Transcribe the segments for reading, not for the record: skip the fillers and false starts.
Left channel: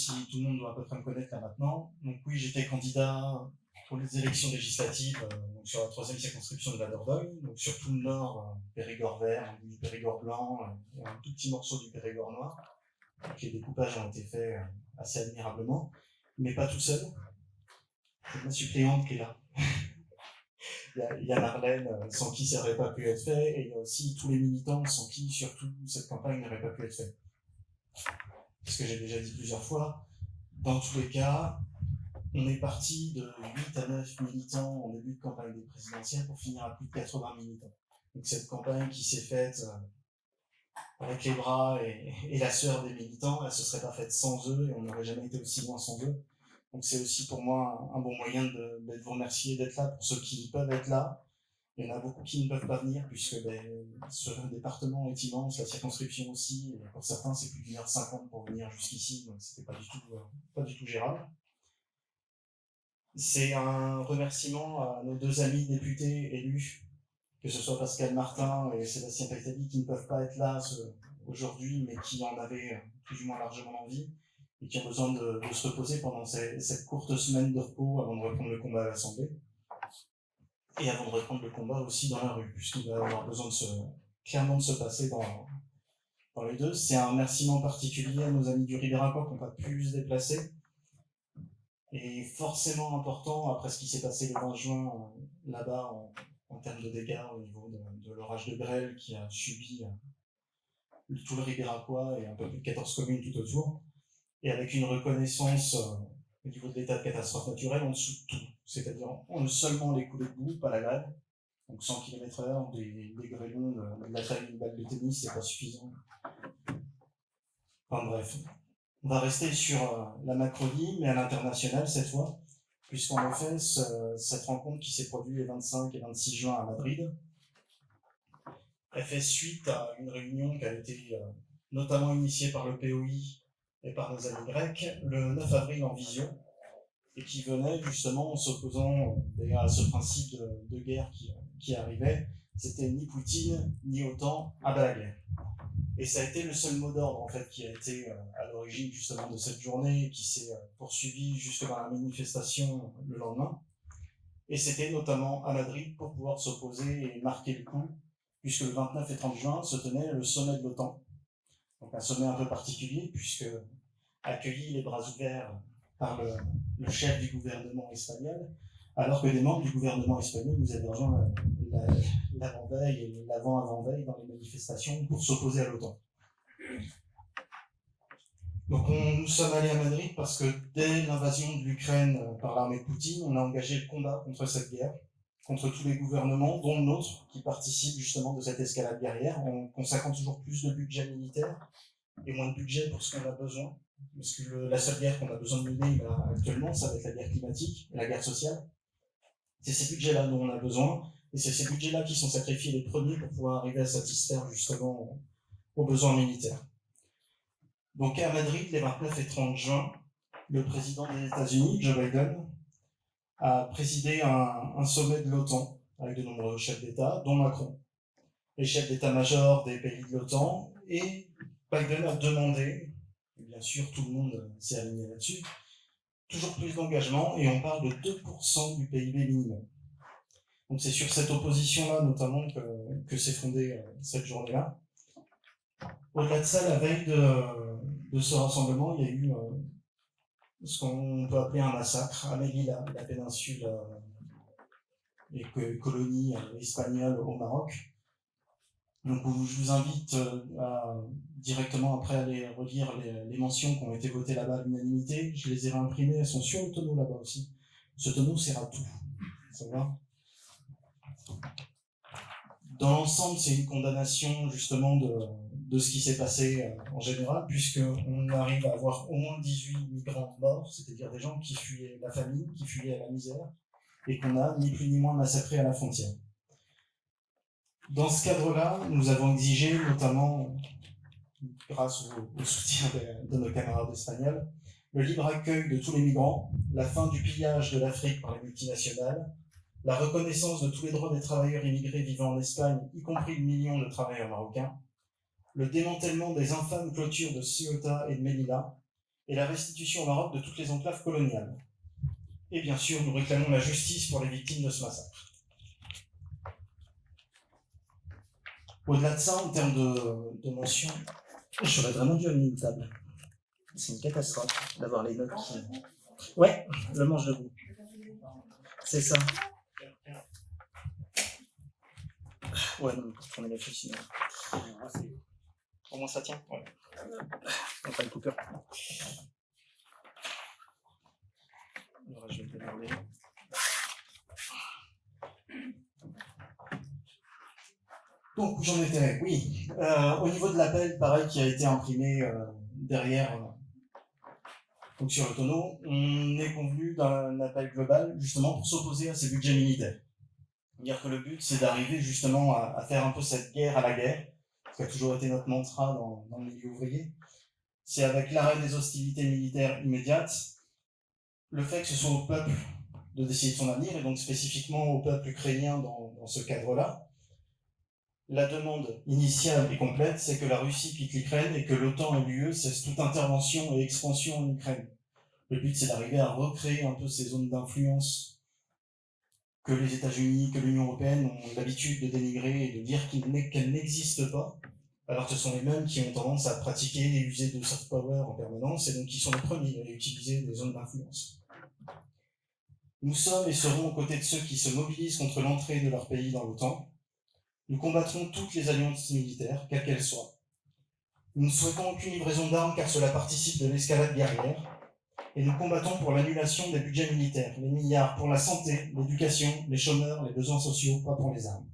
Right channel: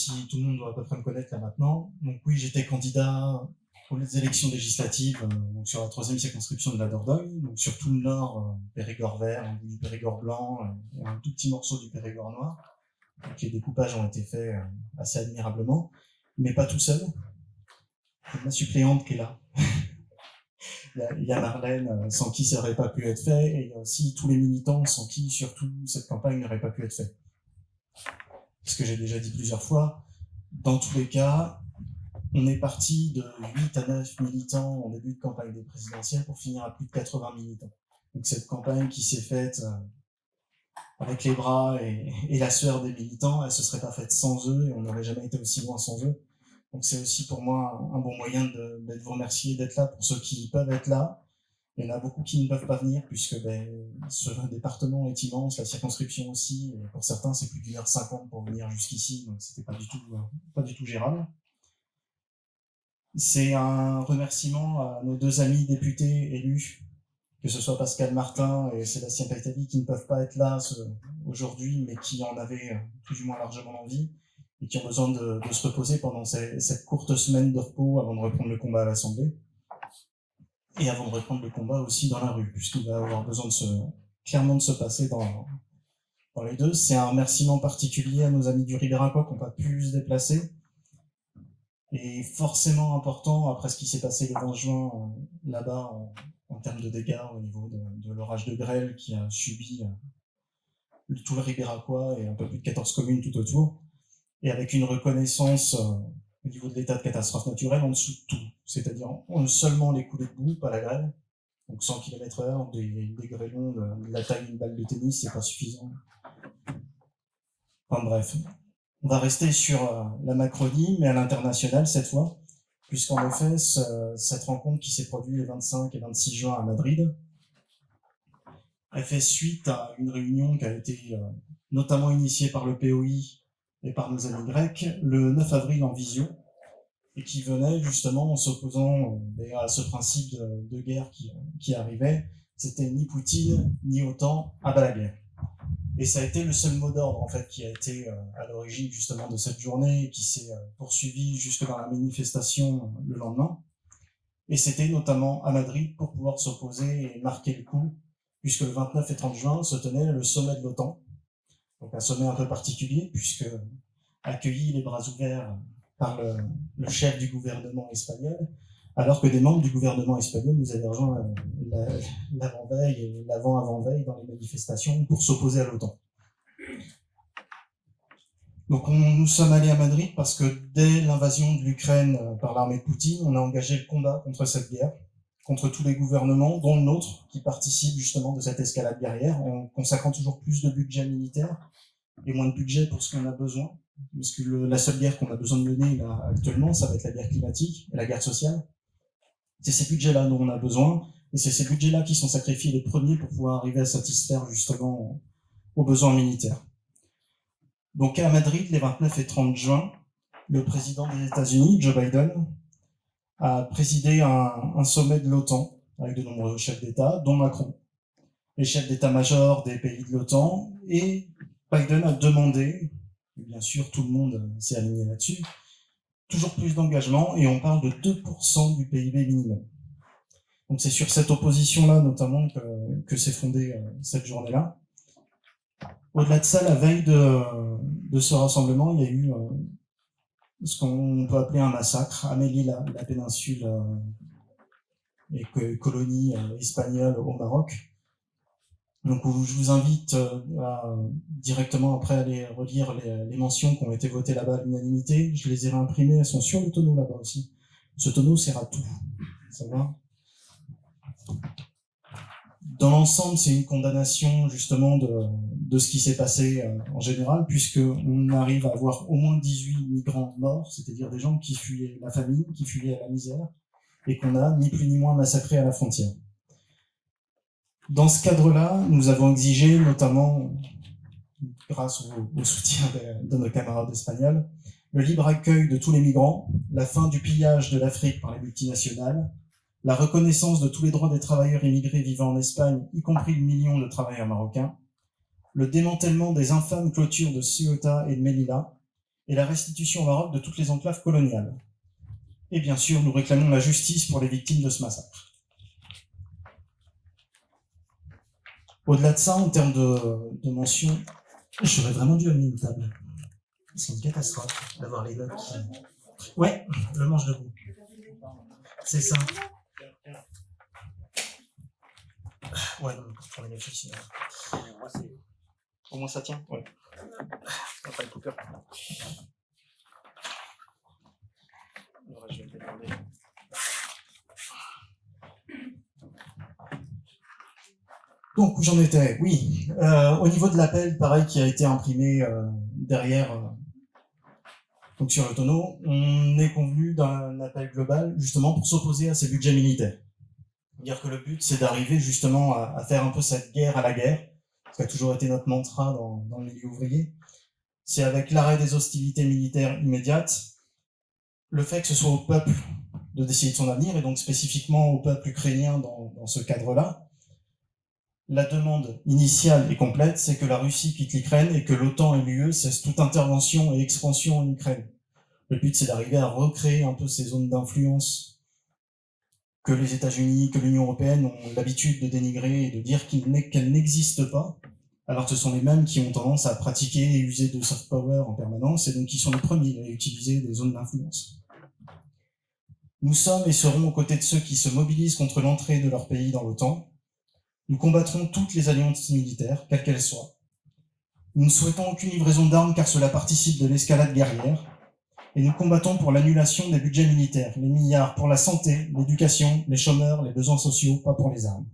si tout le monde doit à peu près me connaître là maintenant. Donc oui, j'étais candidat pour les élections législatives donc sur la 3e circonscription de la Dordogne, donc sur tout le nord, Périgord vert, un bout du Périgord blanc et un tout petit morceau du Périgord noir. Donc les découpages ont été faits assez admirablement, mais pas tout seul. C'est ma suppléante qui est là. Il y a Marlène, sans qui ça n'aurait pas pu être fait, et il y a aussi tous les militants sans qui, surtout, cette campagne n'aurait pas pu être faite. Ce que j'ai déjà dit plusieurs fois, dans tous les cas, on est parti de 8 à 9 militants en début de campagne des présidentielles pour finir à plus de 80 militants. Donc cette campagne qui s'est faite avec les bras et la sueur des militants, elle ne se serait pas faite sans eux et on n'aurait jamais été aussi loin sans eux. Donc c'est aussi pour moi un bon moyen de vous remercier d'être là pour ceux qui peuvent être là. Il y en a beaucoup qui ne peuvent pas venir puisque ce département est immense, la circonscription aussi, et pour certains c'est plus d'1h50 pour venir jusqu'ici, donc c'était pas du tout gérable. C'est un remerciement à nos 2 amis députés élus, que ce soit Pascal Martin et Sébastien Paitali, qui ne peuvent pas être là aujourd'hui, mais qui en avaient plus ou moins largement l'envie, et qui ont besoin de se reposer pendant cette courte semaine de repos avant de reprendre le combat à l'Assemblée, et avant de reprendre le combat aussi dans la rue, puisqu'il va avoir besoin clairement de se passer dans les deux. C'est un remerciement particulier à nos amis du Ribéracois qui n'ont pas pu se déplacer, et forcément important après ce qui s'est passé le 20 juin là-bas en termes de dégâts au niveau de l'orage de grêle qui a subi tout le Ribéracois et un peu plus de 14 communes tout autour, et avec une reconnaissance au niveau de l'état de catastrophe naturelle en dessous de tout, c'est-à-dire seulement les coulées de boue, pas la grêle, donc 100 km/h, des grêlons de la taille d'une balle de tennis, c'est pas suffisant. Enfin bref, on va rester sur la Macronie, mais à l'international cette fois, puisqu'en effet, cette rencontre qui s'est produite les 25 et 26 juin à Madrid, elle fait suite à une réunion qui a été notamment initiée par le POI et par nos amis grecs le 9 avril en visio, et qui venait justement en s'opposant à ce principe de guerre qui arrivait. C'était ni Poutine, ni OTAN, à bas la guerre. Et ça a été le seul mot d'ordre en fait qui a été à l'origine justement de cette journée et qui s'est poursuivi jusque dans la manifestation le lendemain. Et c'était notamment à Madrid pour pouvoir s'opposer et marquer le coup, puisque le 29 et 30 juin se tenait le sommet de l'OTAN. Donc un sommet un peu particulier, puisque accueilli les bras ouverts par le chef du gouvernement espagnol, alors que des membres du gouvernement espagnol nous avaient rejoint l'avant-veille et l'avant-avant-veille dans les manifestations pour s'opposer à l'OTAN. Donc nous sommes allés à Madrid parce que dès l'invasion de l'Ukraine par l'armée de Poutine, on a engagé le combat contre cette guerre, contre tous les gouvernements, dont le nôtre, qui participent justement de cette escalade guerrière, en consacrant toujours plus de budget militaire et moins de budget pour ce qu'on a besoin. Parce que la seule guerre qu'on a besoin de mener là, actuellement, ça va être la guerre climatique et la guerre sociale. C'est ces budgets-là dont on a besoin, et c'est ces budgets-là qui sont sacrifiés les premiers pour pouvoir arriver à satisfaire justement aux besoins militaires. Donc à Madrid, les 29 et 30 juin, le président des États-Unis, Joe Biden, a présidé un sommet de l'OTAN avec de nombreux chefs d'État, dont Macron, les chefs d'état-major des pays de l'OTAN, et Biden a demandé, et bien sûr tout le monde s'est aligné là-dessus, toujours plus d'engagement, et on parle de 2% du PIB minimum. Donc c'est sur cette opposition-là notamment que s'est fondée cette journée-là. Au-delà de ça, la veille de ce rassemblement, il y a eu ce qu'on peut appeler un massacre à Melilla, la péninsule et colonie espagnole au Maroc. Donc je vous invite à directement après aller relire les mentions qui ont été votées là-bas à l'unanimité. Je les ai réimprimées, elles sont sur le tonneau là-bas aussi. Ce tonneau sert à tout. Ça va ? Dans l'ensemble, c'est une condamnation justement de ce qui s'est passé en général, puisqu'on arrive à avoir au moins 18 migrants morts, c'est-à-dire des gens qui fuyaient la famine, qui fuyaient la misère, et qu'on a ni plus ni moins massacrés à la frontière. Dans ce cadre-là, nous avons exigé, notamment grâce au soutien de nos camarades espagnols, le libre accueil de tous les migrants, la fin du pillage de l'Afrique par les multinationales, la reconnaissance de tous les droits des travailleurs immigrés vivant en Espagne, y compris le million de travailleurs marocains, le démantèlement des infâmes clôtures de Ceuta et de Melilla, et la restitution au Maroc de toutes les enclaves coloniales. Et bien sûr, nous réclamons la justice pour les victimes de ce massacre. Au-delà de ça, en termes de mention, j'aurais vraiment dû amener une table. C'est une catastrophe d'avoir les notes qui... Ouais, le manche debout. C'est ça. Ouais, non, pour tourner les fils, sinon. Au moins ça tient. Ouais. On pas le coupeur. Alors, je vais le demander. Donc, où j'en étais? Oui. Au niveau de l'appel, pareil, qui a été imprimé derrière, donc sur le tonneau, on est convenu d'un appel global, justement, pour s'opposer à ces budgets militaires. Dire que le but, c'est d'arriver justement à faire un peu cette guerre à la guerre, ce qui a toujours été notre mantra dans le milieu ouvrier. C'est avec l'arrêt des hostilités militaires immédiates, le fait que ce soit au peuple de décider de son avenir, et donc spécifiquement au peuple ukrainien dans ce cadre-là. La demande initiale et complète, c'est que la Russie quitte l'Ukraine et que l'OTAN et l'UE cessent toute intervention et expansion en Ukraine. Le but, c'est d'arriver à recréer un peu ces zones d'influence que les États-Unis, que l'Union européenne ont l'habitude de dénigrer et de dire qu'elles n'existent pas, alors que ce sont les mêmes qui ont tendance à pratiquer et user de soft power en permanence, et donc qui sont les premiers à utiliser des zones d'influence. Nous sommes et serons aux côtés de ceux qui se mobilisent contre l'entrée de leur pays dans l'OTAN. Nous combattrons toutes les alliances militaires, quelles qu'elles soient. Nous ne souhaitons aucune livraison d'armes car cela participe de l'escalade guerrière. Et nous combattons pour l'annulation des budgets militaires, les milliards pour la santé, l'éducation, les chômeurs, les besoins sociaux, pas pour les armes.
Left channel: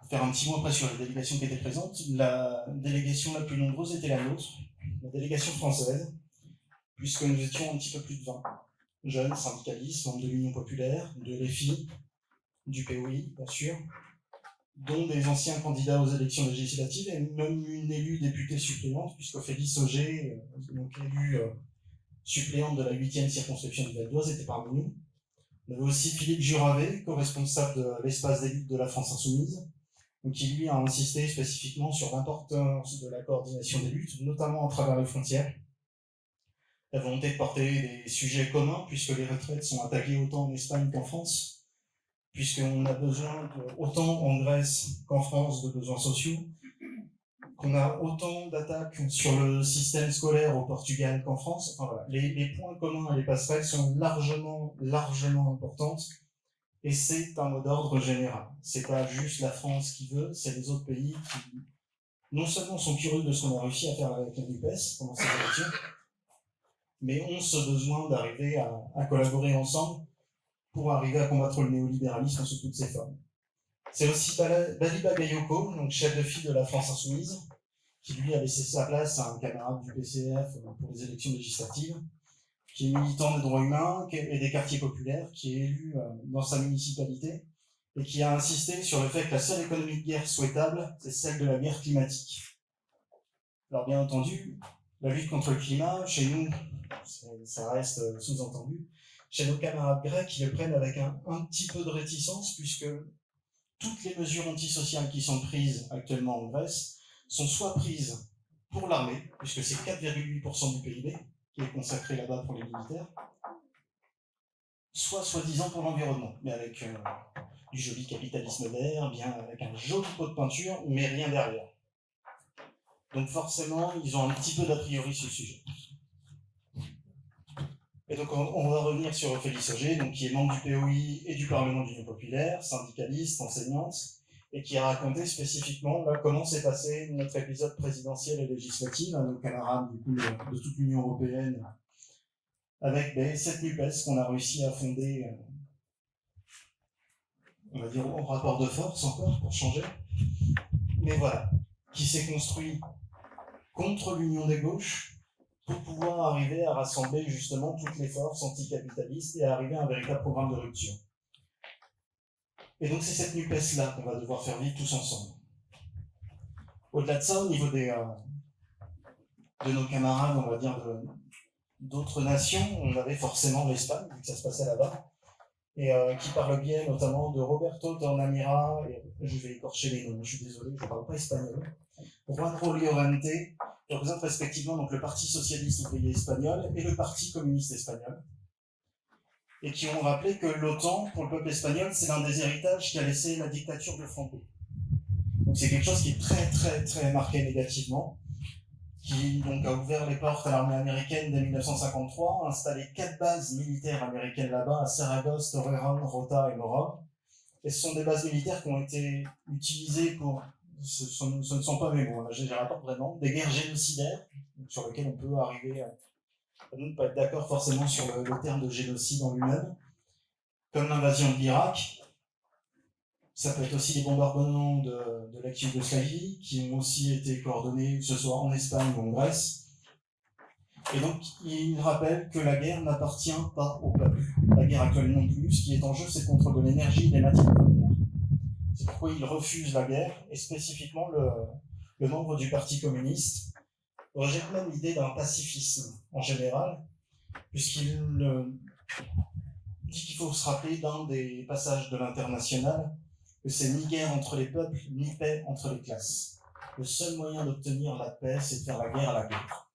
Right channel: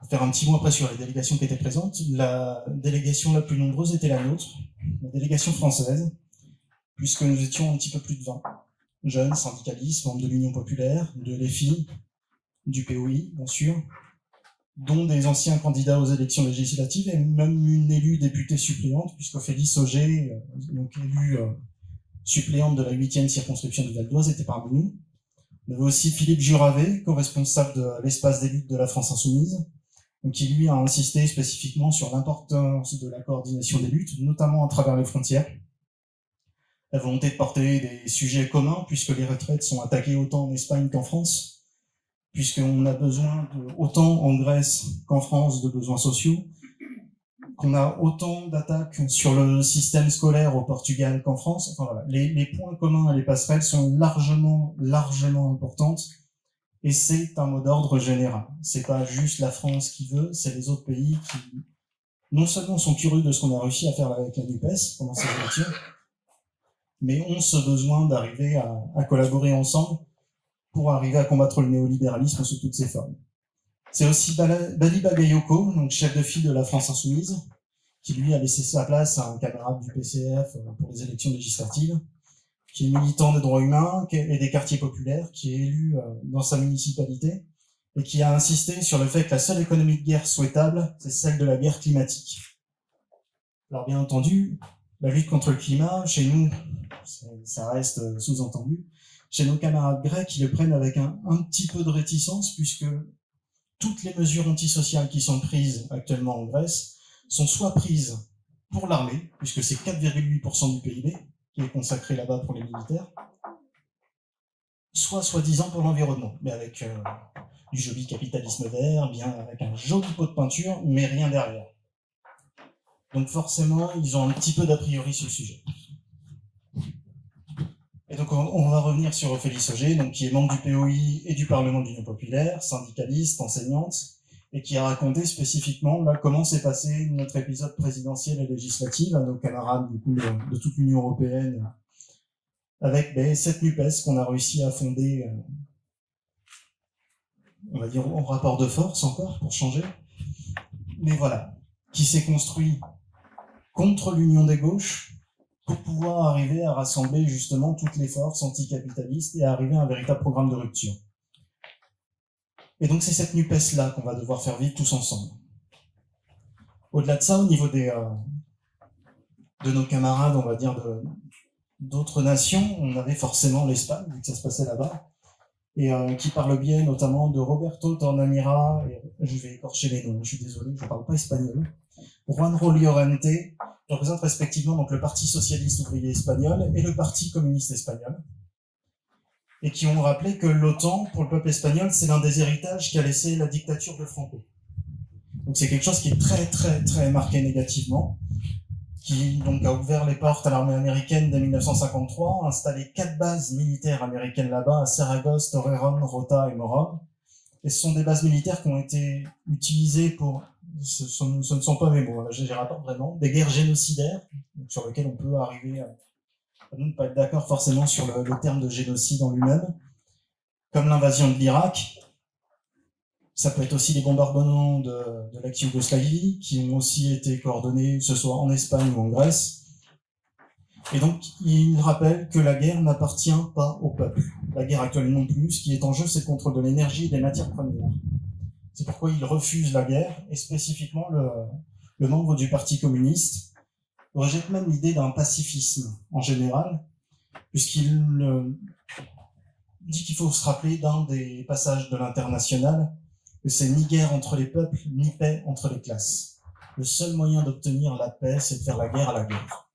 Pour faire un petit mot après sur les délégations qui étaient présentes, la délégation la plus nombreuse était la nôtre, la délégation française, puisque nous étions un petit peu plus de 20 jeunes syndicalistes, membres de l'Union populaire, de l'EFI, du POI, bien sûr, dont des anciens candidats aux élections législatives et même une élue députée suppléante, puisqu'Ophélie Sauger, donc élue suppléante de la 8e circonscription du Val d'Oise, était parmi nous. On avait aussi Philippe Juravet, co-responsable de l'espace des luttes de la France Insoumise, donc qui lui a insisté spécifiquement sur l'importance de la coordination des luttes, notamment à travers les frontières. La volonté de porter des sujets communs, puisque les retraites sont attaquées autant en Espagne qu'en France, puisqu'on a besoin, autant en Grèce qu'en France, de besoins sociaux, qu'on a autant d'attaques sur le système scolaire au Portugal qu'en France. Enfin, voilà. Les points communs et les passerelles sont largement importantes, et c'est un mot d'ordre général. C'est pas juste la France qui veut, c'est les autres pays qui, non seulement sont curieux de ce qu'on a réussi à faire avec la NUPES pendant cette élection, mais ont ce besoin d'arriver à collaborer ensemble pour arriver à combattre le néolibéralisme sous toutes ses formes. C'est aussi Bali Bagayoko, donc chef de file de la France Insoumise, qui lui a laissé sa place à un camarade du PCF pour les élections législatives, qui est militant des droits humains et des quartiers populaires, qui est élu dans sa municipalité, et qui a insisté sur le fait que la seule économie de guerre souhaitable, c'est celle de la guerre climatique. Alors bien entendu, la lutte contre le climat, chez nous, ça reste sous-entendu. Chez nos camarades grecs, ils le prennent avec un petit peu de réticence, puisque toutes les mesures antisociales qui sont prises actuellement en Grèce sont soit prises pour l'armée, puisque c'est 4,8% du PIB qui est consacré là-bas pour les militaires, soit soi-disant pour l'environnement, mais avec du joli capitalisme vert, bien avec un joli pot de peinture, mais rien derrière. Donc forcément, ils ont un petit peu d'a priori sur le sujet. Et donc on va revenir sur Ophélie Sauger, donc qui est membre du POI et du Parlement de l'Union populaire, syndicaliste, enseignante, et qui a raconté spécifiquement comment s'est passé notre épisode présidentiel et législatif à nos camarades du coup, de toute l'Union européenne, avec cette NUPES qu'on a réussi à fonder, on va dire en rapport de force encore, pour changer, mais voilà, qui s'est construit contre l'union des gauches, pour pouvoir arriver à rassembler justement toutes les forces anticapitalistes et à arriver à un véritable programme de rupture. Et donc c'est cette NUPES-là qu'on va devoir faire vivre tous ensemble. Au-delà de ça, au niveau de nos camarades, on va dire, d'autres nations, on avait forcément l'Espagne, vu que ça se passait là-bas, et qui par le biais notamment de Roberto Tornamira, et je vais écorcher les noms, je suis désolé, je ne parle pas espagnol, Juan Llorente, qui représentent respectivement donc, le Parti socialiste ouvrier espagnol et le Parti communiste espagnol, et qui ont rappelé que l'OTAN, pour le peuple espagnol, c'est l'un des héritages qu'a laissé la dictature de Franco. Donc c'est quelque chose qui est très très très marqué négativement, qui donc a ouvert les portes à l'armée américaine dès 1953, a installé 4 bases militaires américaines là-bas, à Saragosse, Torreón, Rota et Mora. Et ce sont des bases militaires qui ont été utilisées pour, ce ne sont pas mes mots, je rapporte vraiment, des guerres génocidaires, sur lesquelles on peut arriver à ne pas être d'accord forcément sur le terme de génocide en lui-même, comme l'invasion de l'Irak. Ça peut être aussi les bombardements de l'ex-Yougoslavie, qui ont aussi été coordonnés, que ce soit en Espagne ou en Grèce. Et donc, il rappelle que la guerre n'appartient pas au peuple. La guerre actuelle non plus. Ce qui est en jeu, c'est le contrôle de l'énergie et des matières premières. C'est pourquoi il refuse la guerre, et spécifiquement le membre du Parti communiste rejette même l'idée d'un pacifisme en général, puisqu'il dit qu'il faut se rappeler d'un des passages de l'Internationale, que c'est ni guerre entre les peuples, ni paix entre les classes. Le seul moyen d'obtenir la paix, c'est de faire la guerre à la guerre.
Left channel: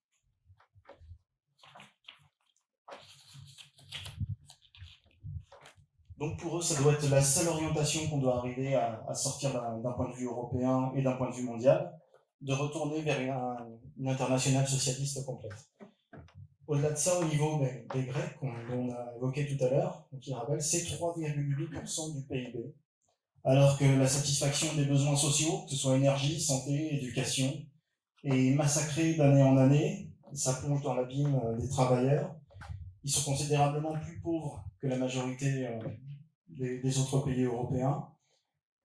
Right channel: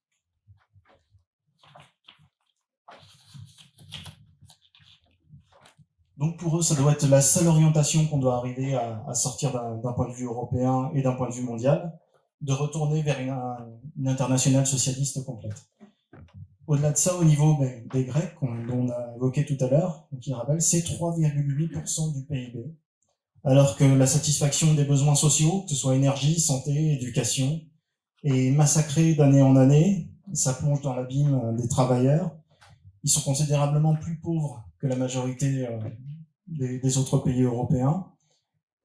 Donc pour eux, ça doit être la seule orientation qu'on doit arriver à sortir d'un point de vue européen et d'un point de vue mondial, de retourner vers une internationale socialiste complète. Au-delà de ça, au niveau des Grecs, dont on a évoqué tout à l'heure, qui rappelle, c'est 3,8% du PIB, alors que la satisfaction des besoins sociaux, que ce soit énergie, santé, éducation, est massacrée d'année en année. Ça plonge dans l'abîme des travailleurs. Ils sont considérablement plus pauvres que la majorité des autres pays européens.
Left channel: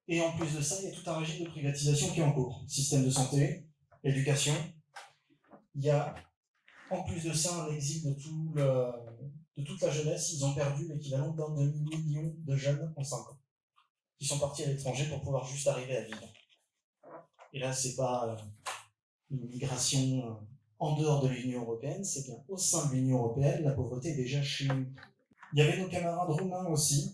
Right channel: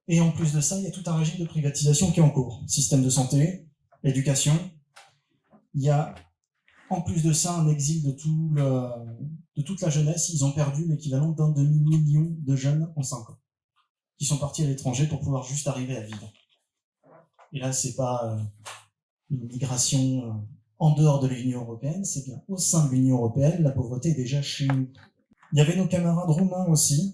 Et en plus de ça, il y a tout un régime de privatisation qui est en cours. Système de santé, éducation. Il y a en plus de ça un exil de toute la jeunesse. Ils ont perdu l'équivalent d'un demi-million de jeunes en 5 ans, qui sont partis à l'étranger pour pouvoir juste arriver à vivre. Et là, c'est pas une migration en dehors de l'Union européenne, c'est bien au sein de l'Union européenne, la pauvreté est déjà chez nous. Il y avait nos camarades roumains aussi,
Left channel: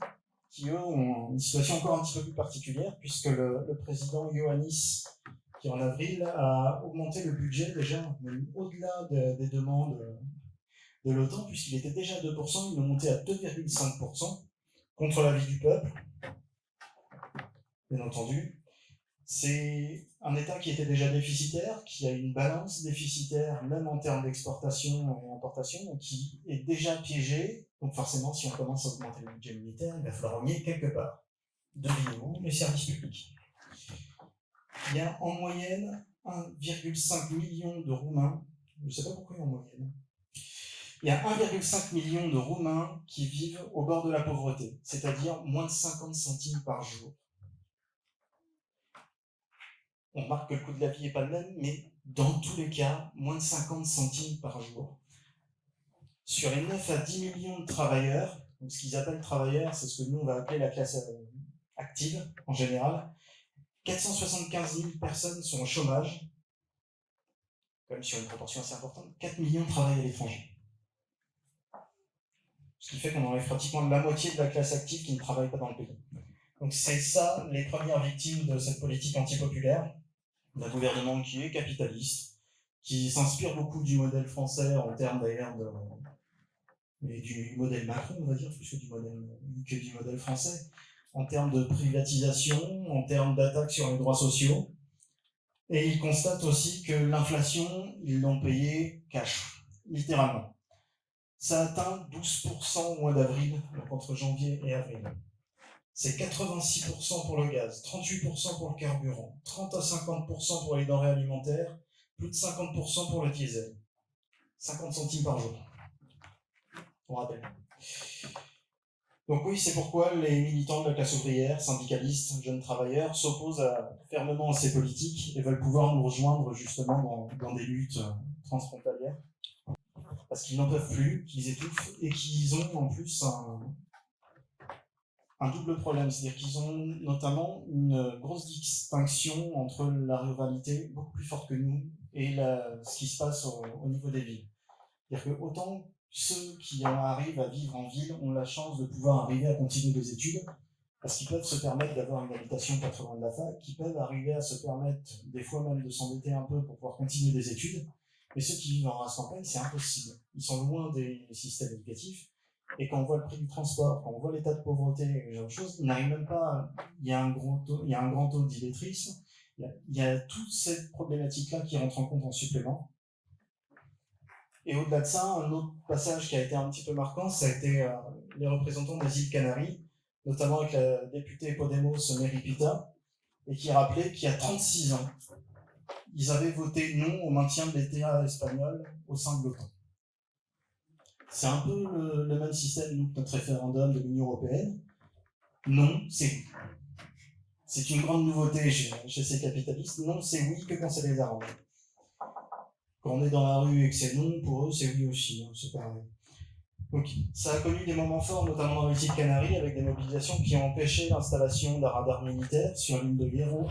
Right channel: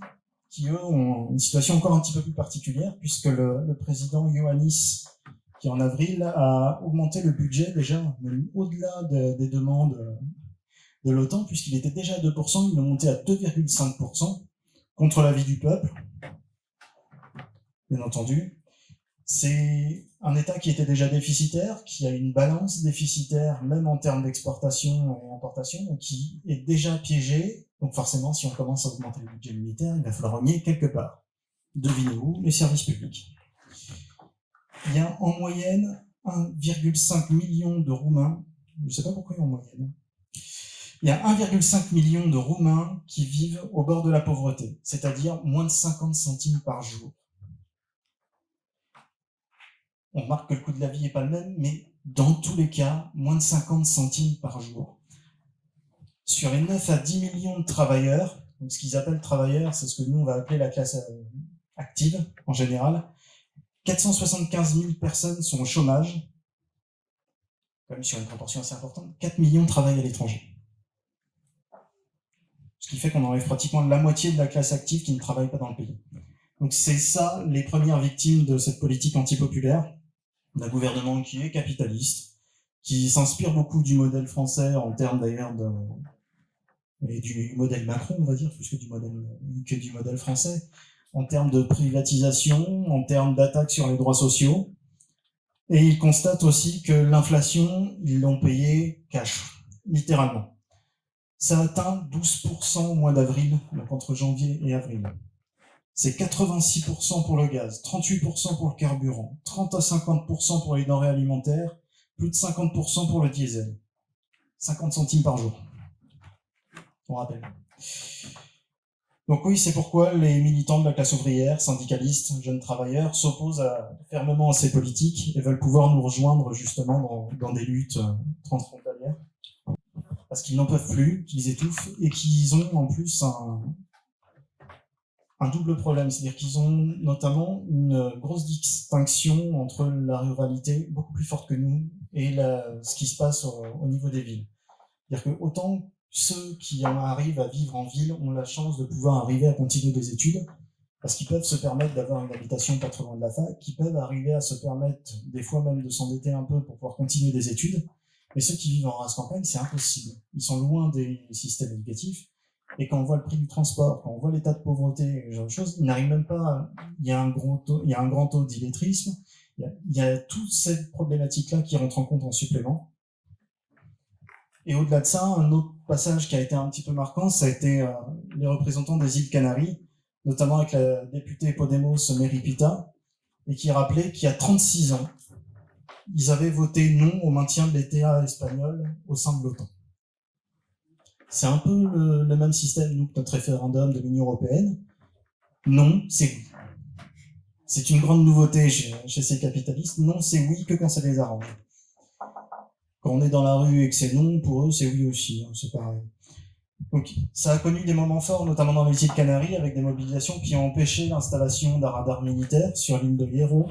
qui eux ont une situation encore un petit peu plus particulière, puisque le président Iohannis, qui en avril a augmenté le budget déjà, même au-delà des demandes de l'OTAN, puisqu'il était déjà à 2%, il l'a monté à 2,5% contre l'avis du peuple. Bien entendu, c'est un État qui était déjà déficitaire, qui a une balance déficitaire, même en termes d'exportation et importation, donc qui est déjà piégé. Donc forcément, si on commence à augmenter le budget militaire, il va falloir en nier quelque part. Devinez où? Les services publics. Il y a en moyenne 1,5 million de Roumains, je ne sais pas pourquoi il y a en moyenne, il y a 1,5 million de Roumains qui vivent au bord de la pauvreté, c'est-à-dire moins de 50 centimes par jour. On remarque que le coût de la vie n'est pas le même, mais dans tous les cas, moins de 50 centimes par jour. Sur les 9 à 10 millions de travailleurs, donc ce qu'ils appellent travailleurs, c'est ce que nous on va appeler la classe active en général, 475 000 personnes sont au chômage, quand même sur une proportion assez importante, 4 millions travaillent à l'étranger. Ce qui fait qu'on enlève pratiquement la moitié de la classe active qui ne travaille pas dans le pays. Donc c'est ça les premières victimes de cette politique antipopulaire, d'un gouvernement qui est capitaliste, qui s'inspire beaucoup du modèle français en termes d'ailleurs et du modèle Macron, on va dire, plus que du modèle français, en termes de privatisation, en termes d'attaque sur les droits sociaux. Et il constate aussi que l'inflation, ils l'ont payée cash, littéralement. Ça atteint 12% au mois d'avril, donc entre janvier et avril. C'est 86% pour le gaz, 38% pour le carburant, 30 à 50% pour les denrées alimentaires, plus de 50% pour le diesel. 50 centimes par jour. On rappelle. Donc oui, c'est pourquoi les militants de la classe ouvrière, syndicalistes, jeunes travailleurs, s'opposent fermement à ces politiques et veulent pouvoir nous rejoindre justement dans des luttes transfrontalières. Parce qu'ils n'en peuvent plus, qu'ils étouffent et qu'ils ont en plus un double problème, c'est-à-dire qu'ils ont notamment une grosse distinction entre la ruralité, beaucoup plus forte que nous, et ce qui se passe au niveau des villes. C'est-à-dire que autant ceux qui arrivent à vivre en ville ont la chance de pouvoir arriver à continuer des études, parce qu'ils peuvent se permettre d'avoir une habitation pas trop loin de la fac, qui peuvent arriver à se permettre des fois même de s'endetter un peu pour pouvoir continuer des études, Mais ceux qui vivent en race campagne, c'est impossible. Ils sont loin des systèmes éducatifs. Et quand on voit le prix du transport, quand on voit l'état de pauvreté et ce genre de choses, ils n'arrivent même pas. Il y a un grand taux d'illettrisme. Il y a toutes ces problématiques-là qui rentrent en compte en supplément. Et au-delà de ça, un autre passage qui a été un petit peu marquant, ça a été les représentants des îles Canaries, notamment avec la députée Podemos Mary Pita, et qui rappelait qu'il y a 36 ans, ils avaient voté non au maintien de l'État espagnol au sein de l'OTAN. C'est un peu le même système nous, que notre référendum de l'Union européenne. Non, c'est oui. C'est une grande nouveauté chez ces capitalistes. Non, c'est oui que quand ça les arrange. Quand on est dans la rue et que c'est non, pour eux, c'est oui aussi. Hein, c'est pareil. Donc, ça a connu des moments forts, notamment dans les îles Canaries, avec des mobilisations qui ont empêché l'installation d'un radar militaire sur l'île de Hierro,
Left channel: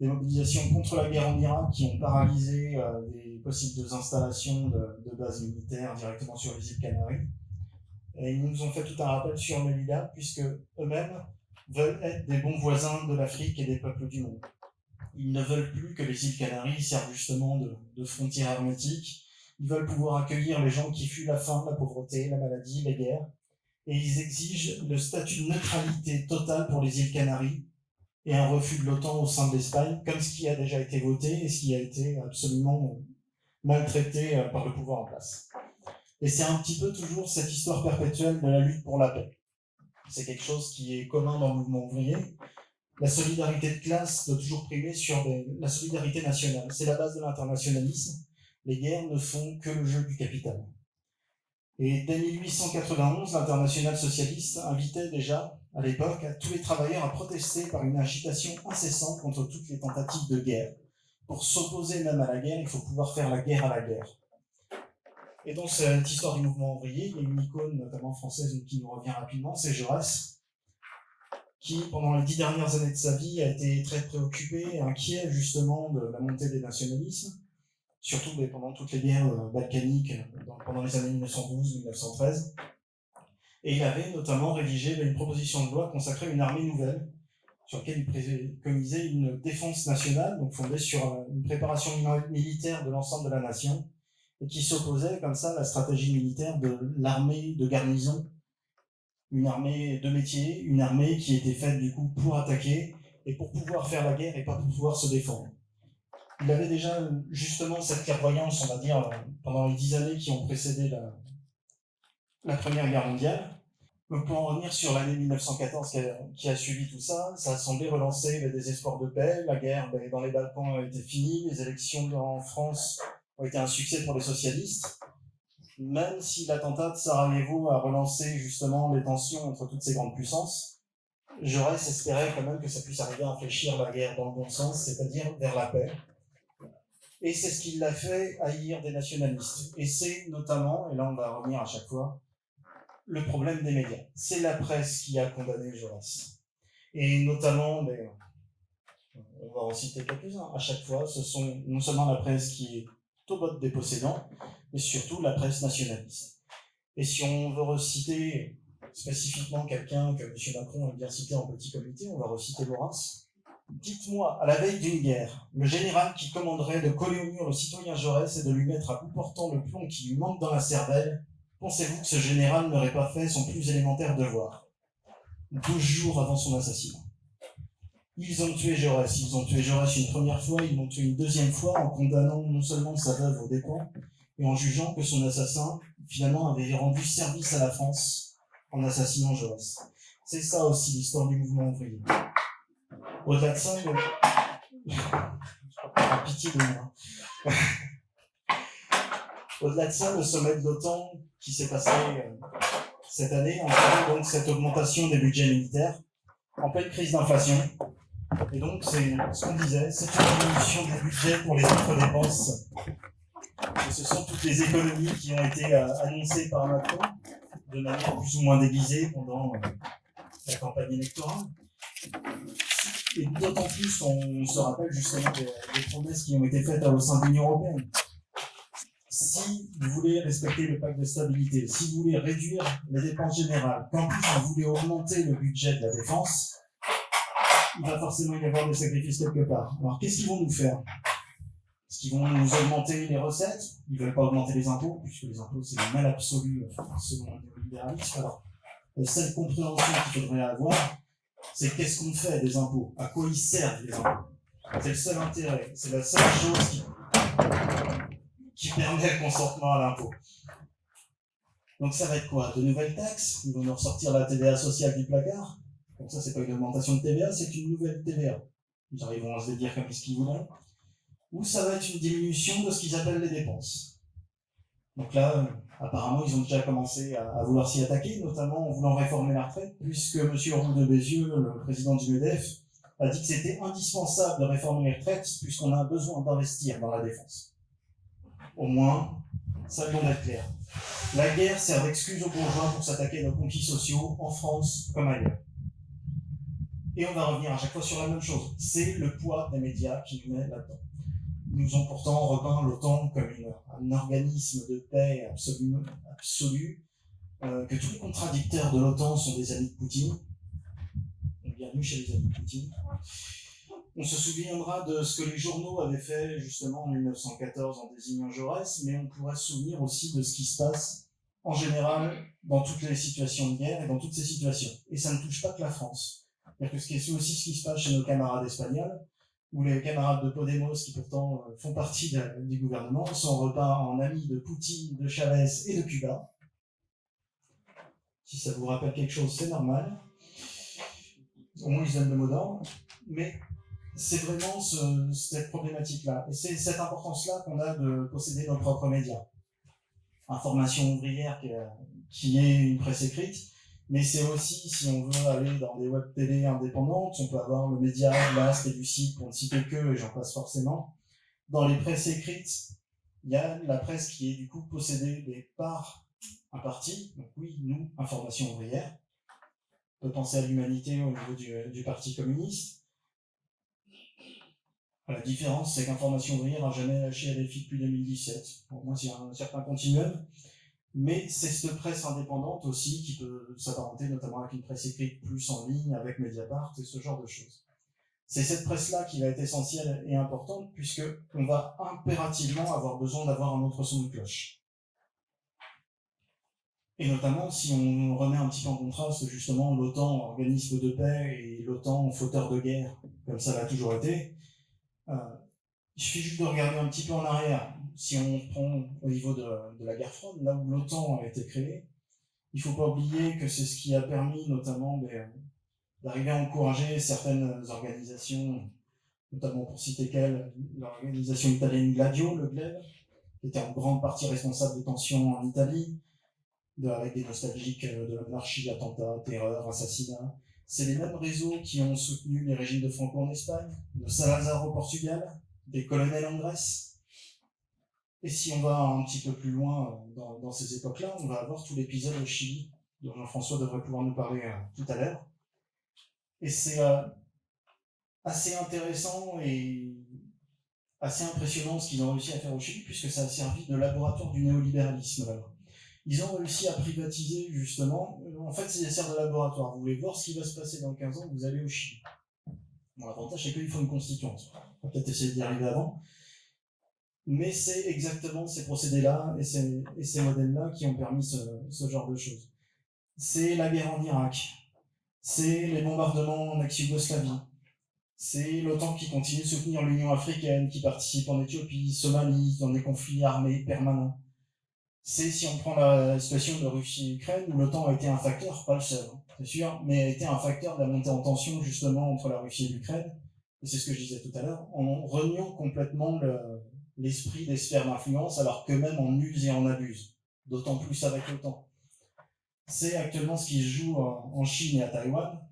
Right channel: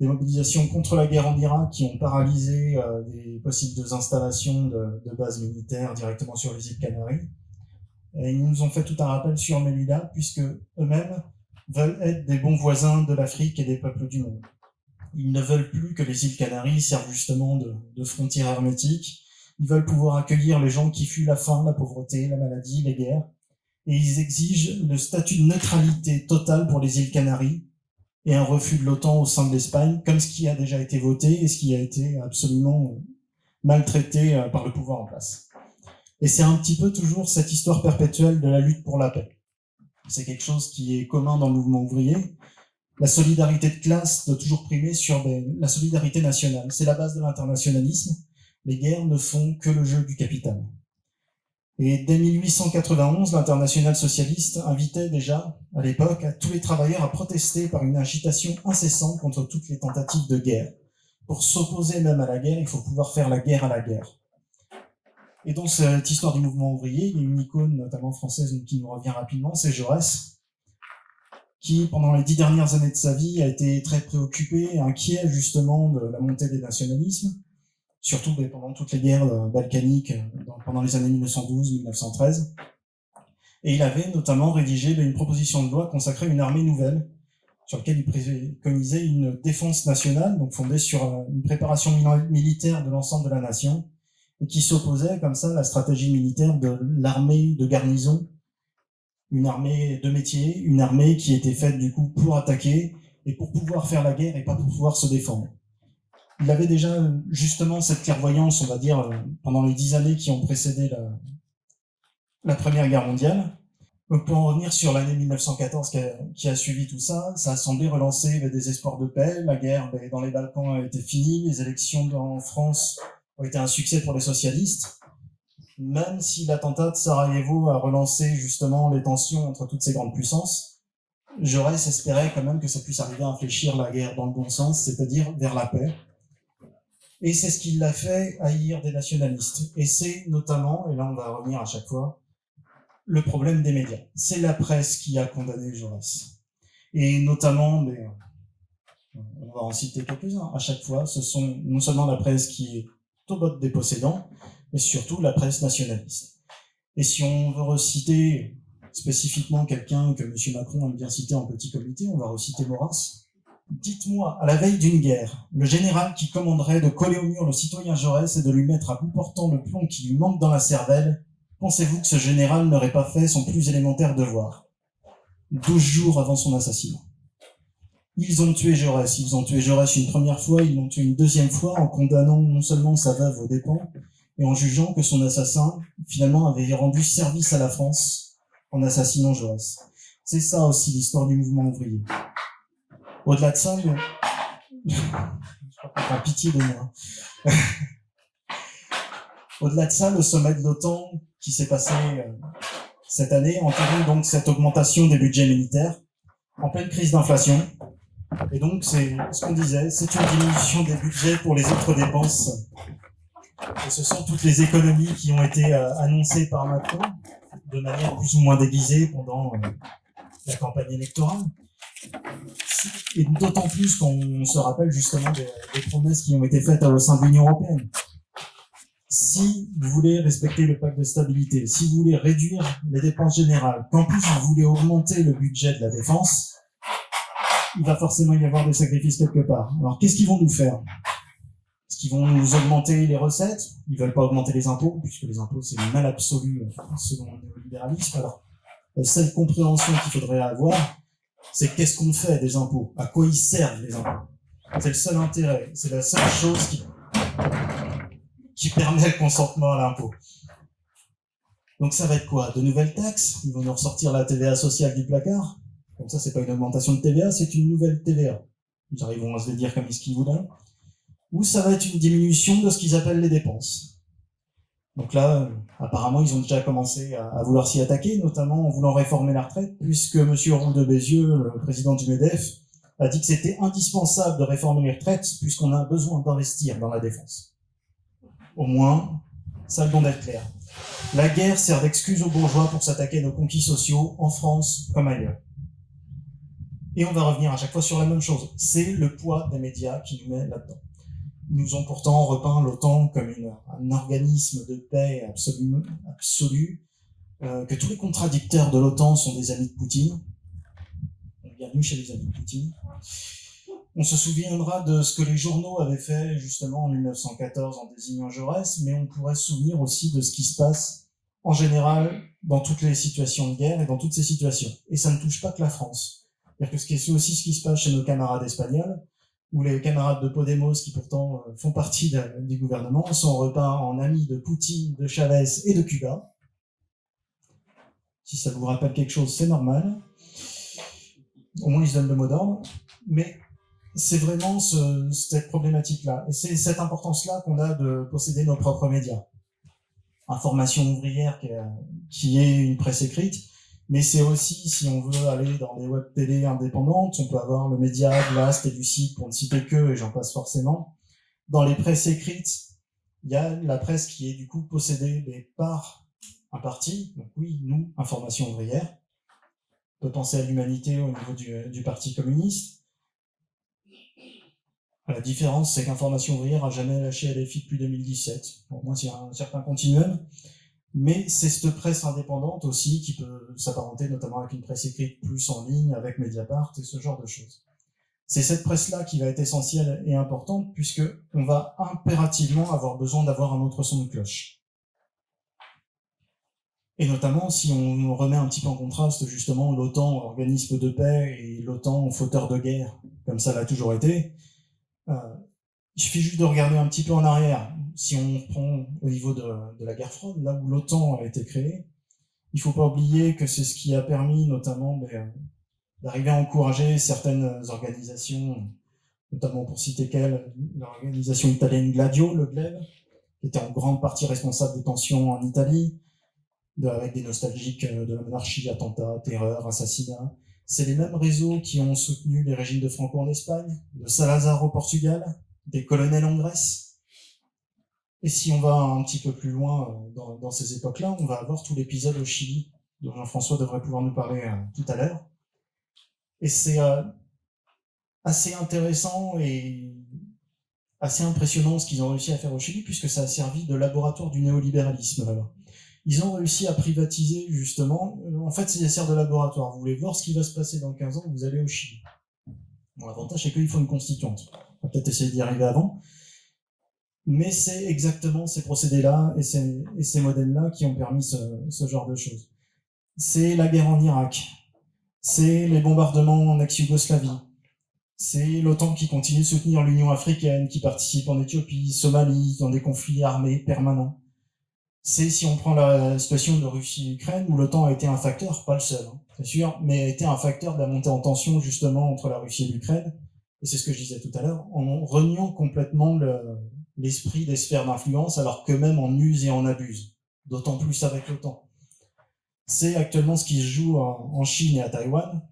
des mobilisations contre la guerre en Irak qui ont paralysé des possibles installations de bases militaires directement sur les îles Canaries. Et ils nous ont fait tout un rappel sur Melilla, puisque eux-mêmes veulent être des bons voisins de l'Afrique et des peuples du monde. Ils ne veulent plus que les îles Canaries servent justement de frontières hermétiques. Ils veulent pouvoir accueillir les gens qui fuient la faim, la pauvreté, la maladie, les guerres. Et ils exigent le statut de neutralité totale pour les îles Canaries et un refus de l'OTAN au sein de l'Espagne, comme ce qui a déjà été voté et ce qui a été absolument maltraité par le pouvoir en place. Et c'est un petit peu toujours cette histoire perpétuelle de la lutte pour la paix. C'est quelque chose qui est commun dans le mouvement ouvrier. La solidarité de classe doit toujours primer sur la solidarité nationale. C'est la base de l'internationalisme. Les guerres ne font que le jeu du capital. Et dès 1891, l'internationale socialiste invitait déjà, à l'époque, tous les travailleurs à protester par une agitation incessante contre toutes les tentatives de guerre. Pour s'opposer même à la guerre, il faut pouvoir faire la guerre à la guerre. Et dans cette histoire du mouvement ouvrier, il y a une icône, notamment française, qui nous revient rapidement, c'est Jaurès, qui, pendant les 10 dernières années de sa vie, a été très préoccupé, inquiet justement de la montée des nationalismes, surtout pendant toutes les guerres balkaniques, pendant les années 1912-1913. Et il avait notamment rédigé une proposition de loi consacrée à une armée nouvelle, sur laquelle il préconisait une défense nationale, donc fondée sur une préparation militaire de l'ensemble de la nation, et qui s'opposait comme ça à la stratégie militaire de l'armée de garnison, une armée de métier, une armée qui était faite du coup pour attaquer et pour pouvoir faire la guerre et pas pour pouvoir se défendre. Il avait déjà justement cette clairvoyance, on va dire, pendant les 10 années qui ont précédé la Première Guerre mondiale. Donc pour en revenir sur l'année 1914 qui a suivi tout ça, ça a semblé relancer des espoirs de paix. La guerre dans les Balkans a été finie, les élections en France ont été un succès pour les socialistes. Même si l'attentat de Sarajevo a relancé justement les tensions entre toutes ces grandes puissances, Jaurès espérait quand même que ça puisse arriver à infléchir la guerre dans le bon sens, c'est-à-dire vers la paix. Et c'est ce qui l'a fait haïr des nationalistes. Et c'est notamment, et là on va revenir à chaque fois, le problème des médias. C'est la presse qui a condamné Jaurès. Et notamment, on va en citer quelques-uns, à chaque fois, ce sont non seulement la presse qui est au bord des possédants, mais surtout la presse nationaliste. Et si on veut reciter spécifiquement quelqu'un que M. Macron aime bien citer en petit comité, on va reciter Maurras. Dites-moi, à la veille d'une guerre, le général qui commanderait de coller au mur le citoyen Jaurès et de lui mettre à bout portant le plomb qui lui manque dans la cervelle, pensez-vous que ce général n'aurait pas fait son plus élémentaire devoir 12 jours avant son assassinat. Ils ont tué Jaurès une première fois, ils l'ont tué une deuxième fois en condamnant non seulement sa veuve aux dépens, et en jugeant que son assassin, finalement, avait rendu service à la France en assassinant Jaurès. C'est ça aussi l'histoire du mouvement ouvrier. Au-delà de ça, je crois qu'on a pitié de moi. Au-delà de ça, le sommet de l'OTAN qui s'est passé cette année entraîne donc cette augmentation des budgets militaires en pleine crise d'inflation. Et donc, c'est ce qu'on disait, c'est une diminution des budgets pour les autres dépenses. Et ce sont toutes les économies qui ont été annoncées par Macron, de manière plus ou moins déguisée pendant la campagne électorale. Et d'autant plus qu'on se rappelle justement des promesses qui ont été faites au sein de l'Union européenne. Si vous voulez respecter le pacte de stabilité, si vous voulez réduire les dépenses générales, qu'en plus vous voulez augmenter le budget de la défense, il va forcément y avoir des sacrifices quelque part. Alors qu'est-ce qu'ils vont nous faire ? Est-ce qu'ils vont nous augmenter les recettes? Ils ne veulent pas augmenter les impôts, puisque les impôts, c'est le mal absolu selon le néolibéralisme. Alors, la seule compréhension qu'il faudrait avoir, c'est qu'est-ce qu'on fait des impôts? À quoi ils servent les impôts? C'est le seul intérêt, c'est la seule chose qui permet le consentement à l'impôt. Donc ça va être quoi? De nouvelles taxes? Ils vont nous ressortir la TVA sociale du placard. Comme ça, c'est pas une augmentation de TVA, c'est une nouvelle TVA. Ils arriveront à se le dire comme ce qu'ils voudront. Ou ça va être une diminution de ce qu'ils appellent les dépenses. Donc là, apparemment, ils ont déjà commencé à vouloir s'y attaquer, notamment en voulant réformer la retraite, puisque M. Roux de Bézieux, le président du MEDEF, a dit que c'était indispensable de réformer les retraites, puisqu'on a besoin d'investir dans la défense. Au moins, ça a le don d'être clair. La guerre sert d'excuse aux bourgeois pour s'attaquer à nos conquis sociaux, en France comme ailleurs. Et on va revenir à chaque fois sur la même chose. C'est le poids des médias qui nous met là-dedans. Ils nous ont pourtant repeint l'OTAN comme un organisme de paix absolu, que tous les contradicteurs de l'OTAN sont des amis de Poutine. Donc, bienvenue chez les amis de Poutine. On se souviendra de ce que les journaux avaient fait justement en 1914 en désignant Jaurès, mais on pourrait se souvenir aussi de ce qui se passe en général dans toutes les situations de guerre et dans toutes ces situations. Et ça ne touche pas que la France. C'est-à-dire que c'est aussi ce qui se passe chez nos camarades espagnols, où les camarades de Podemos, qui pourtant font partie du gouvernement, sont repeints en amis de Poutine, de Chavez et de Cuba. Si ça vous rappelle quelque chose, c'est normal. Au moins, ils se donnent le mot d'ordre. Mais c'est vraiment cette problématique-là. Et c'est cette importance-là qu'on a de posséder nos propres médias. Information ouvrière qui est une presse écrite, mais c'est aussi, si on veut aller dans des web télé indépendantes, on peut avoir le média, Blast et Lucide, pour ne citer que, et j'en passe forcément. Dans les presses écrites, il y a la presse qui est du coup possédée par un parti, donc oui, nous, Information ouvrière. On peut penser à l'Humanité au niveau du Parti communiste. La différence, c'est qu'Information ouvrière n'a jamais lâché LFI depuis 2017. Bon, moi, c'est un certain continuum. Mais c'est cette presse indépendante aussi qui peut s'apparenter notamment avec une presse écrite plus en ligne, avec Mediapart et ce genre de choses. C'est cette presse-là qui va être essentielle et importante puisqu'on va impérativement avoir besoin d'avoir un autre son de cloche. Et notamment si on remet un petit peu en contraste justement l'OTAN, organisme de paix, et l'OTAN, fauteur de guerre, comme ça l'a toujours été, il suffit juste de regarder un petit peu en arrière. Si on prend au niveau de la guerre froide, là où l'OTAN a été créée, il ne faut pas oublier que c'est ce qui a permis notamment d'arriver à encourager certaines organisations, notamment pour citer quelle, l'organisation italienne Gladio, le GLEB, qui était en grande partie responsable de tensions en Italie, avec des nostalgiques de la monarchie, attentats, terreur, assassinats. C'est les mêmes réseaux qui ont soutenu les régimes de Franco en Espagne, de Salazar au Portugal, des colonels en Grèce. Et si on va un petit peu plus loin dans ces époques-là, on va avoir tout l'épisode au Chili, dont Jean-François devrait pouvoir nous parler tout à l'heure. Et c'est assez intéressant et assez impressionnant ce qu'ils ont réussi à faire au Chili, puisque ça a servi de laboratoire du néolibéralisme. Alors, ils ont réussi à privatiser, justement. En fait, ça sert de laboratoire. Vous voulez voir ce qui va se passer dans 15 ans, vous allez au Chili. Bon, l'avantage, c'est qu'il faut une constituante. On va peut-être essayer d'y arriver avant. Mais c'est exactement ces procédés-là et ces modèles-là qui ont permis ce genre de choses. C'est la guerre en Irak. C'est les bombardements en ex-Yougoslavie. C'est l'OTAN qui continue de soutenir l'Union africaine, qui participe en Éthiopie, Somalie, dans des conflits armés permanents. C'est, si on prend la situation de Russie et Ukraine, où l'OTAN a été un facteur, pas le seul, c'est sûr, mais a été un facteur de la montée en tension justement entre la Russie et l'Ukraine, et c'est ce que je disais tout à l'heure, en reniant complètement l'esprit des sphères d'influence, alors qu'eux-mêmes en usent et en abusent, d'autant plus avec l'OTAN. C'est actuellement ce qui se joue en Chine et à Taïwan,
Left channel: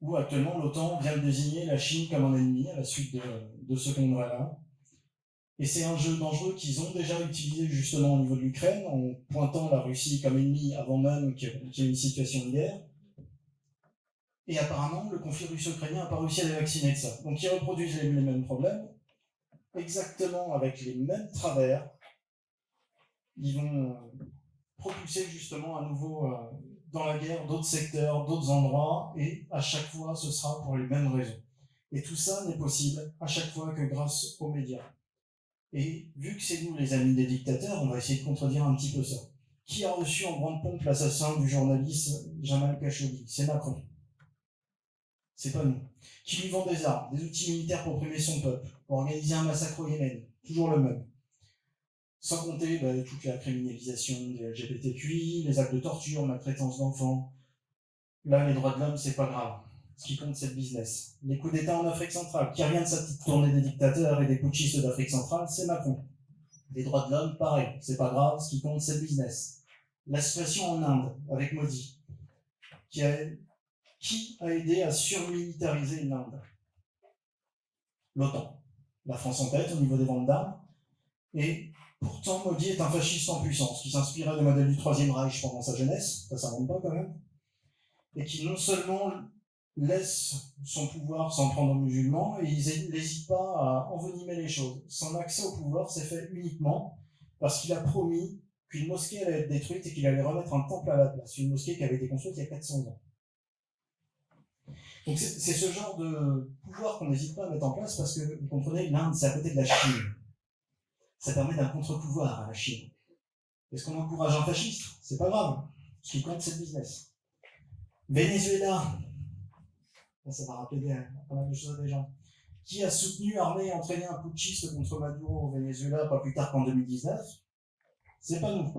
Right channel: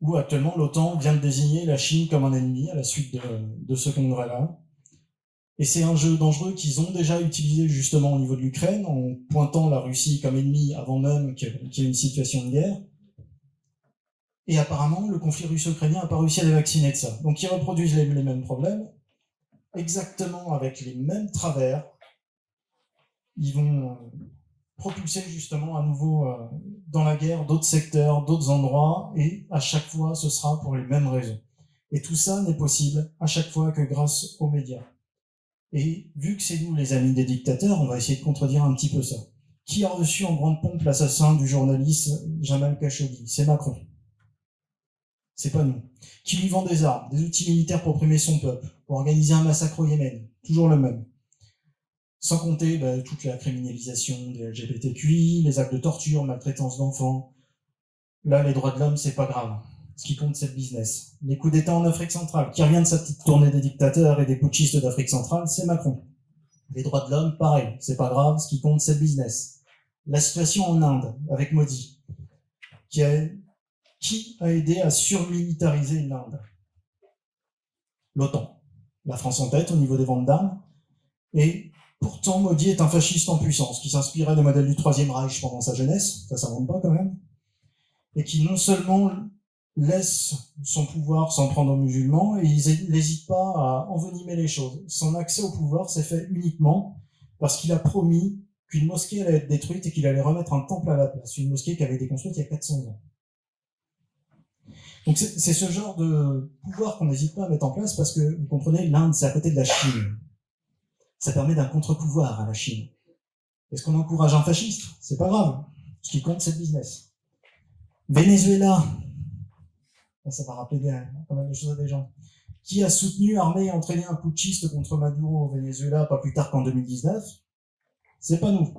où actuellement l'OTAN vient de désigner la Chine comme un ennemi à la suite de ce congrès-là. Et c'est un jeu dangereux qu'ils ont déjà utilisé justement au niveau de l'Ukraine, en pointant la Russie comme ennemie avant même qu'il y ait une situation de guerre. Et apparemment, le conflit russo-ukrainien n'a pas réussi à les vacciner de ça. Donc ils reproduisent les mêmes problèmes, exactement avec les mêmes travers. Ils vont propulser justement à nouveau dans la guerre d'autres secteurs, d'autres endroits, et à chaque fois, ce sera pour les mêmes raisons. Et tout ça n'est possible à chaque fois que grâce aux médias. Et vu que c'est nous les amis des dictateurs, on va essayer de contredire un petit peu ça. Qui a reçu en grande pompe l'assassin du journaliste Jamal Khashoggi? C'est Macron. C'est pas nous. Qui lui vend des armes, des outils militaires pour opprimer son peuple, pour organiser un massacre au Yémen, toujours le même. Sans compter toute la criminalisation des LGBTQI, les actes de torture, maltraitance d'enfants. Là, les droits de l'homme, c'est pas grave. Ce qui compte, c'est le business. Les coups d'État en Afrique centrale, qui revient de sa petite tournée des dictateurs et des putschistes d'Afrique centrale, c'est Macron. Les droits de l'homme, pareil, c'est pas grave, ce qui compte, c'est le business. La situation en Inde, avec Modi, qui a aidé à surmilitariser l'Inde? L'OTAN. La France en tête au niveau des ventes d'armes. Et pourtant, Modi est un fasciste en puissance, qui s'inspirait des modèles du Troisième Reich pendant sa jeunesse, ça s'invente pas quand même, et qui non seulement laisse son pouvoir s'en prendre aux musulmans, et il n'hésite pas à envenimer les choses. Son accès au pouvoir s'est fait uniquement parce qu'il a promis qu'une mosquée allait être détruite et qu'il allait remettre un temple à la place, une mosquée qui avait été construite il y a 400 ans. Donc c'est ce genre de pouvoir qu'on n'hésite pas à mettre en place parce que, vous comprenez, l'Inde, c'est à côté de la Chine. Ça permet d'un contre-pouvoir à la Chine. Est-ce qu'on encourage un fasciste? C'est pas grave. Ce qui compte, c'est le business. Venezuela, ça va rappeler pas mal de choses à des gens. Qui a soutenu, armé et entraîné un putschiste contre Maduro au Venezuela pas plus tard qu'en 2019? C'est pas nous.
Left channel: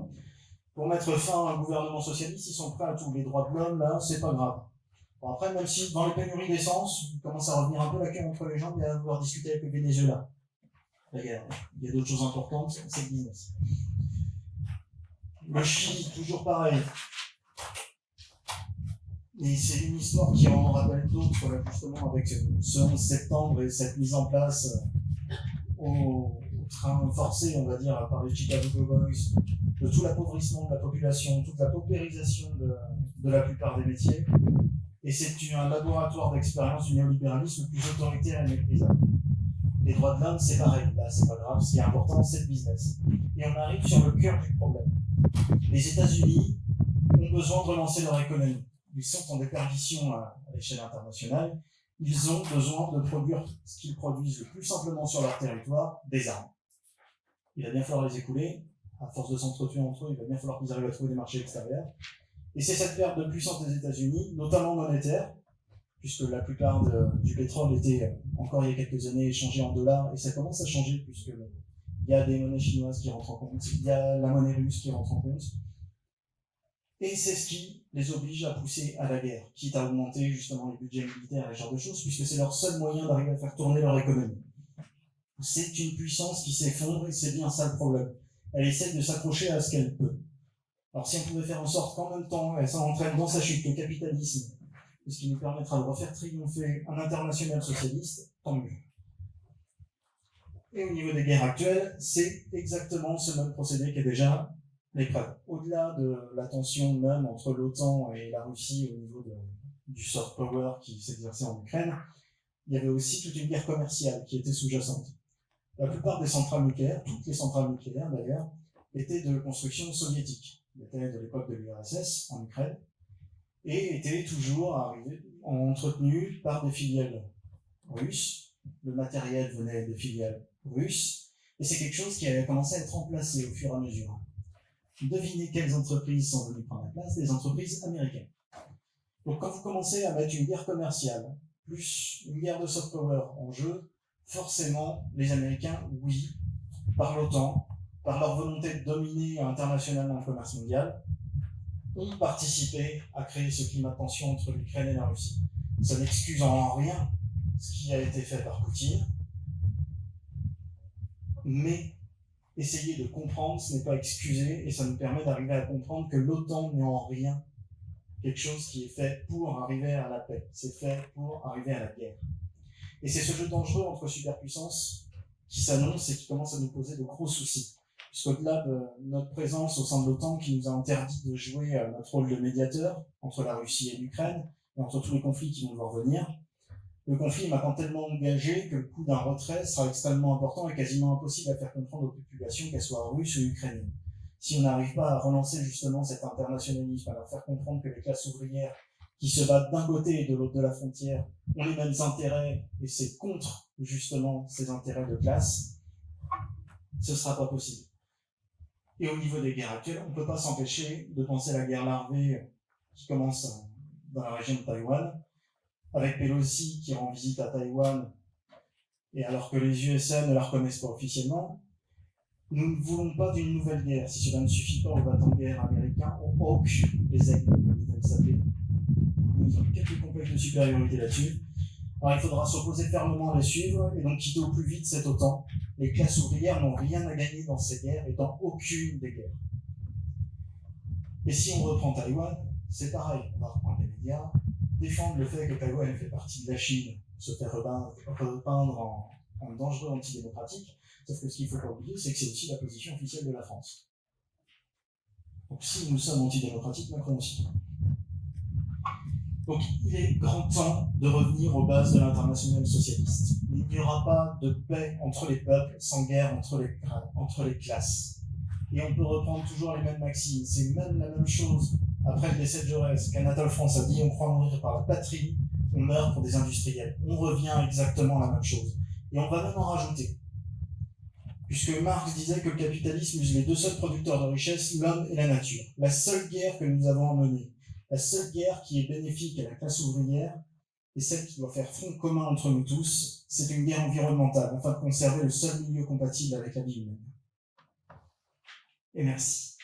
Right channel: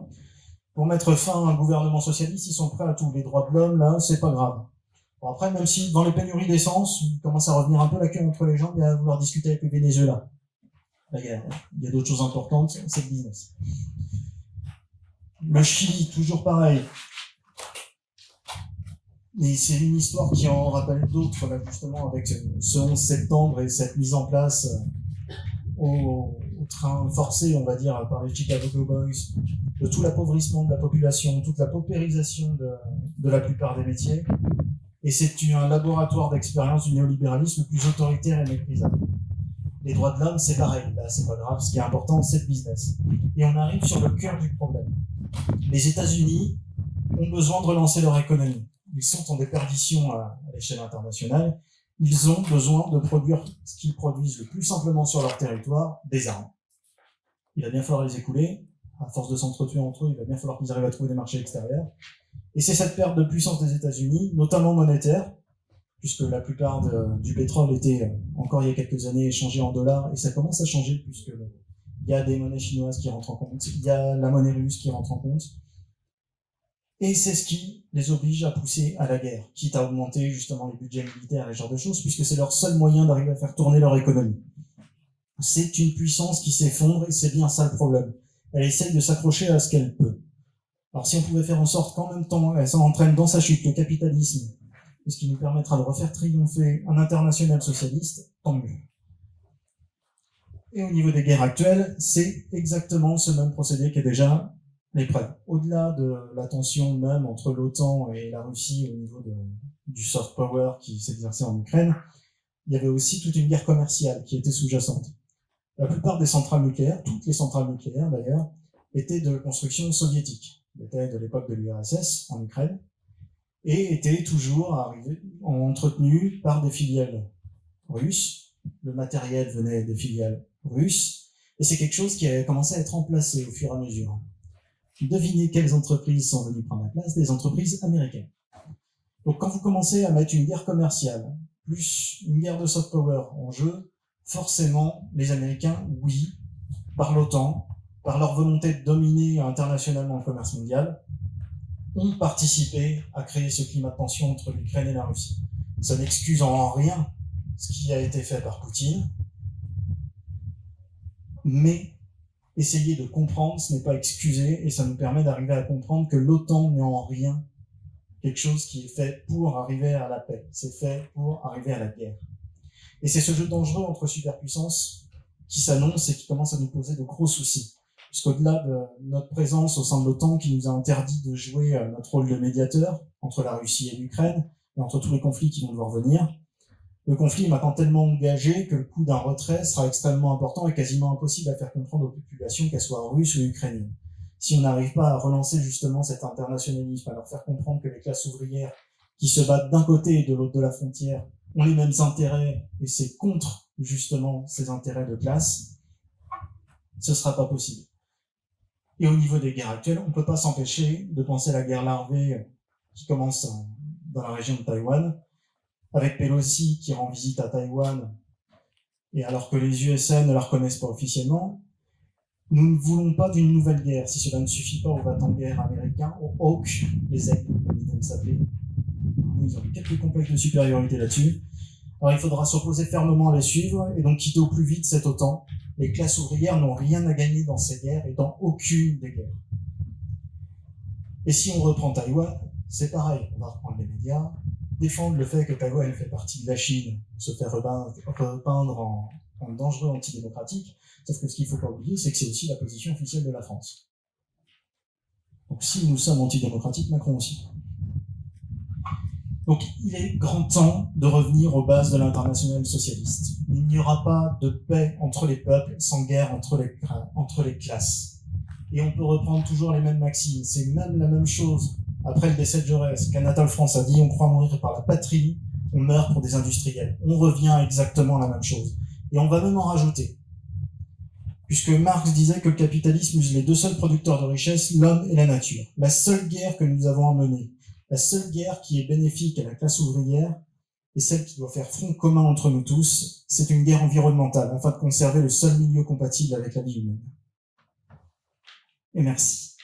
Pour mettre fin à un gouvernement socialiste, ils sont prêts à tout. Les droits de l'homme, là, c'est pas grave. Bon, après, même si dans les pénuries d'essence, il commence à revenir un peu la queue entre les jambes et à vouloir discuter avec le Venezuela. La guerre. Il y a d'autres choses importantes, c'est le business. Le Chili, toujours pareil. Et c'est une histoire qui en rappelle d'autres, là, justement, avec ce 11 septembre et cette mise en place au train forcé, on va dire, par les Chicago Boys, de tout l'appauvrissement de la population, toute la paupérisation de la plupart des métiers. Et c'est un laboratoire d'expérience du néolibéralisme le plus autoritaire et méprisable. Les droits de l'homme, c'est pareil, là, c'est pas grave, ce qui est important, c'est le business. Et on arrive sur le cœur du problème. Les États-Unis ont besoin de relancer leur économie. Ils sont en déperdition à l'échelle internationale. Ils ont besoin de produire ce qu'ils produisent le plus simplement sur leur territoire, des armes. Il va bien falloir les écouler. À force de s'entretuer entre eux, il va bien falloir qu'ils arrivent à trouver des marchés extérieurs. Et c'est cette perte de puissance des États-Unis, notamment monétaire, puisque la plupart du pétrole était, encore il y a quelques années, échangé en dollars, et ça commence à changer, puisqu'il y a des monnaies chinoises qui rentrent en compte, il y a la monnaie russe qui rentre en compte. Et c'est ce qui les oblige à pousser à la guerre, quitte à augmenter justement les budgets militaires et ce genre de choses, puisque c'est leur seul moyen d'arriver à faire tourner leur économie. C'est une puissance qui s'effondre, et c'est bien ça le problème. Elle essaie de s'accrocher à ce qu'elle peut. Alors si on pouvait faire en sorte qu'en même temps, elle s'entraîne dans sa chute le capitalisme, ce qui nous permettra de refaire triompher un international socialiste, tant mieux. Et au niveau des guerres actuelles, c'est exactement ce même procédé qui est déjà l'épreuve. Au-delà de la tension même entre l'OTAN et la Russie au niveau du soft power qui s'exerçait en Ukraine, il y avait aussi toute une guerre commerciale qui était sous-jacente. La plupart des centrales nucléaires, toutes les centrales nucléaires d'ailleurs, étaient de construction soviétique, étaient de l'époque de l'URSS en Ukraine, et étaient toujours entretenues par des filiales russes. Le matériel venait des filiales russes, et c'est quelque chose qui a commencé à être remplacé au fur et à mesure. Devinez quelles entreprises sont venues prendre la place? Des entreprises américaines. Donc quand vous commencez à mettre une guerre commerciale, plus une guerre de soft power en jeu, forcément, les Américains, oui, par l'OTAN, par leur volonté de dominer internationalement le commerce mondial, ont participé à créer ce climat de tension entre l'Ukraine et la Russie. Ça n'excuse en rien ce qui a été fait par Poutine, mais essayer de comprendre, ce n'est pas excuser, et ça nous permet d'arriver à comprendre que l'OTAN n'est en rien quelque chose qui est fait pour arriver à la paix, c'est fait pour arriver à la guerre. Et c'est ce jeu dangereux entre superpuissances qui s'annonce et qui commence à nous poser de gros soucis. Puisqu'au-delà de notre présence au sein de l'OTAN qui nous a interdit de jouer notre rôle de médiateur entre la Russie et l'Ukraine, et entre tous les conflits qui vont devoir venir, le conflit est maintenant tellement engagé que le coût d'un retrait sera extrêmement important et quasiment impossible à faire comprendre aux populations, qu'elles soient russes ou ukrainiennes. Si on n'arrive pas à relancer justement cet internationalisme, à leur faire comprendre que les classes ouvrières qui se battent d'un côté et de l'autre de la frontière ont les mêmes intérêts et c'est contre justement ces intérêts de classe, ce ne sera pas possible. Et au niveau des guerres actuelles, on ne peut pas s'empêcher de penser à la guerre larvée qui commence dans la région de Taïwan, avec Pelosi qui rend visite à Taïwan, et alors que les USA ne la reconnaissent pas officiellement. Nous ne voulons pas d'une nouvelle guerre. Si cela ne suffit pas aux va-t-en-guerre américains, aux Hawks, les aigles, comme ils aiment s'appeler. Ils ont quelques complexes de supériorité là-dessus. Alors il faudra s'opposer fermement à les suivre et donc quitter au plus vite cette OTAN. Les classes ouvrières n'ont rien à gagner dans ces guerres et dans aucune des guerres. Et si on reprend Taïwan, c'est pareil. On va reprendre les médias, défendre le fait que Taïwan fait partie de la Chine, se faire repeindre en dangereux antidémocratique. Sauf que ce qu'il ne faut pas oublier, c'est que c'est aussi la position officielle de la France. Donc si nous sommes antidémocratiques, Macron aussi. Donc il est grand temps de revenir aux bases de l'internationale socialiste. Il n'y aura pas de paix entre les peuples sans guerre entre les classes. Et on peut reprendre toujours les mêmes maximes. C'est même la même chose après le décès de Jaurès, qu'Anatole France a dit, on croit mourir par la patrie, on meurt pour des industriels. On revient exactement à la même chose. Et on va même en rajouter. Puisque Marx disait que le capitalisme use les deux seuls producteurs de richesse, l'homme et la nature. La seule guerre que nous avons à mener, la seule guerre qui est bénéfique à la classe ouvrière, et celle qui doit faire front commun entre nous tous, c'est une guerre environnementale, afin de conserver le seul milieu compatible avec la vie humaine. Et merci.